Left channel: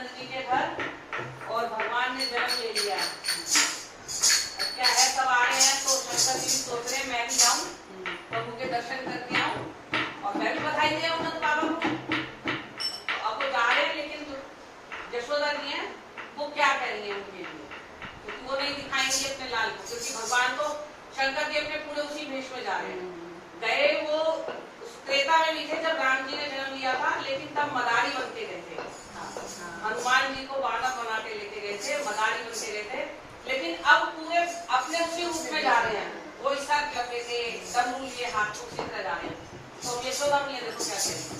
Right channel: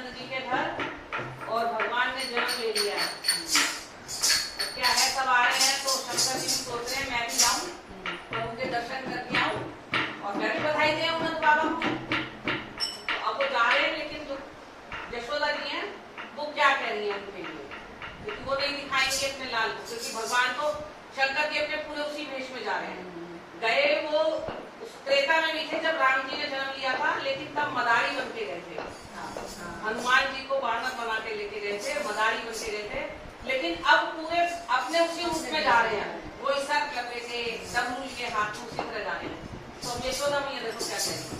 नंद जी के घर और भगवान ने जन्म ले लिया। अब क्या है, सब आ रहे हैं तो शंकर जी सोच रहे हैं मैं भी जाऊं, प्रभु के दर्शन करके आऊं और मैं भी बधाई दे नंद बाबा को। तो अब वो जा रहे हैं, लेकिन जो यशोदा जी हैं वो क्या कह रही है उनके लिए, क्योंकि वो नहीं दिखाएंगे अपने लाल को, क्योंकि भगवान तो शंकर जी अपने पूरे उसी भेष में जा रहे हैं। गए वो त्रेता में नहीं थे जब राम जी ने जन्म लिया था, लेकिन तब मदारी बन के गए थे। हनुमान जी को वानर बना के लेके गए थे, मदारी बन के गए थे, लेकिन अब पूरे अपने उसी रूप में जा रहे हैं। वो इस तरह लपेटे डमरू लिए हाथ उसी तरह जा रहे हैं। तो यशोदा मैया देखो क्या कह रही है,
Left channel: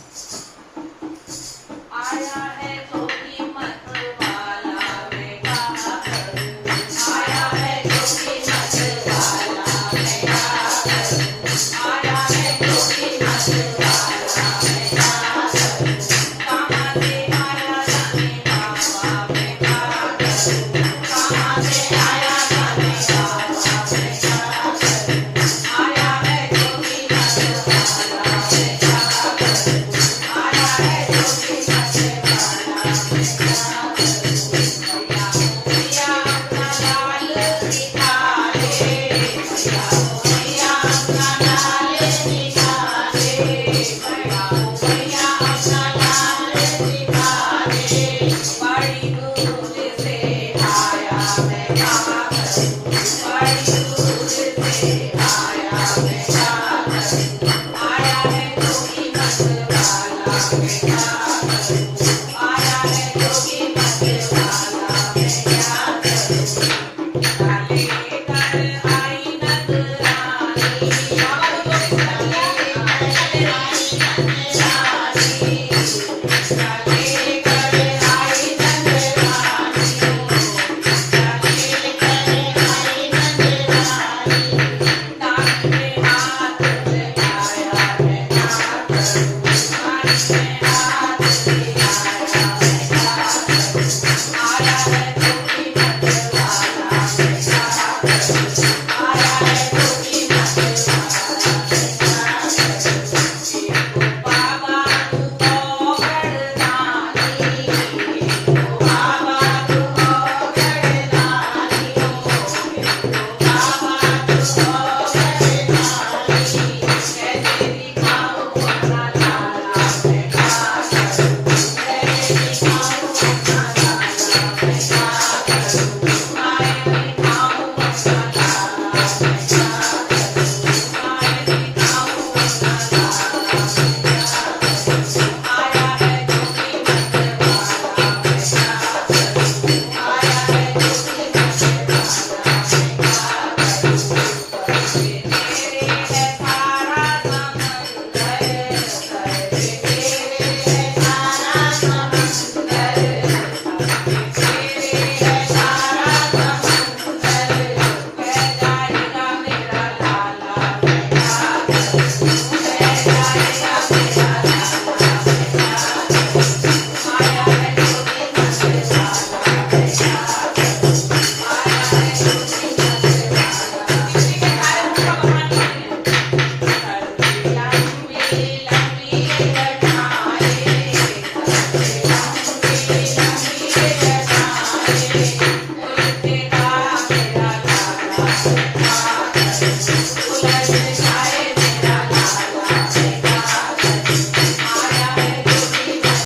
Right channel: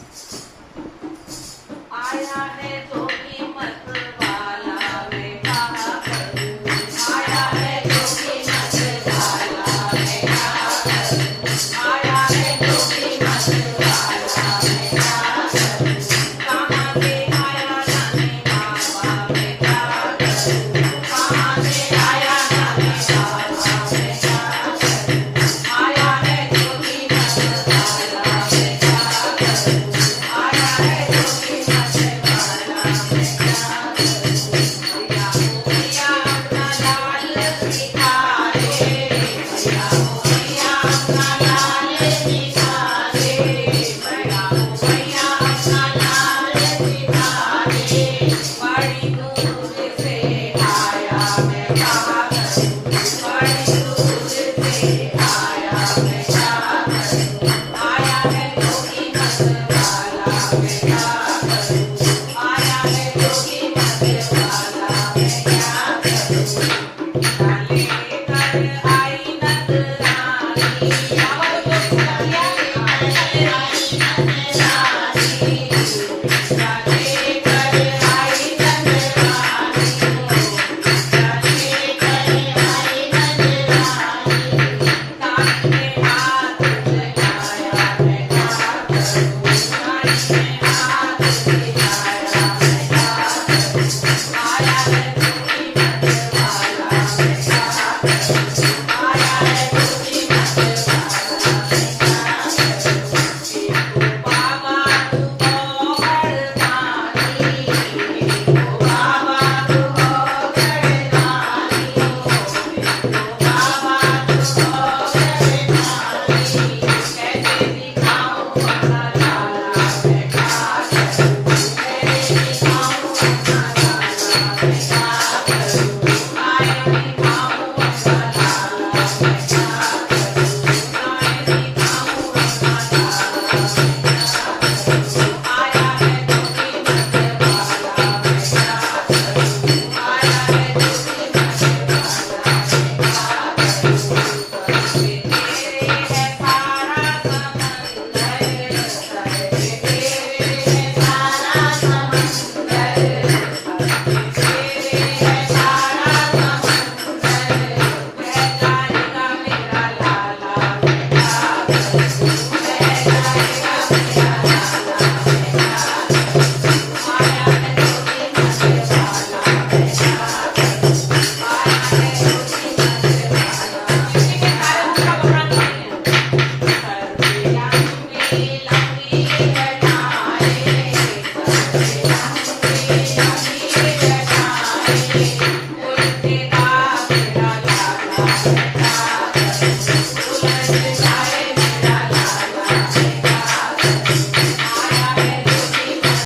आया है तो कीमत वाला मैं क्या करूं, आया है तो कीमत वाला मैं क्या करूं, आया है तो कीमत वाला मैं क्या करूं, कहाँ से आया जाने बाबा मैं क्या करूं, कहाँ से आया जाने बाबा मैं क्या करूं, आया है तो कीमत वाला मैं क्या करूं, आया है तो कीमत वाला मैं क्या करूं, भैया अपना लाल दिखा दे, भैया अपना लाल दिखा दे, भैया अपना लाल दिखा दे, बड़ी दूर से आया मैं क्या करूं, बड़ी दूर से आया मैं क्या करूं, आया है तो कीमत वाला मैं क्या करूं,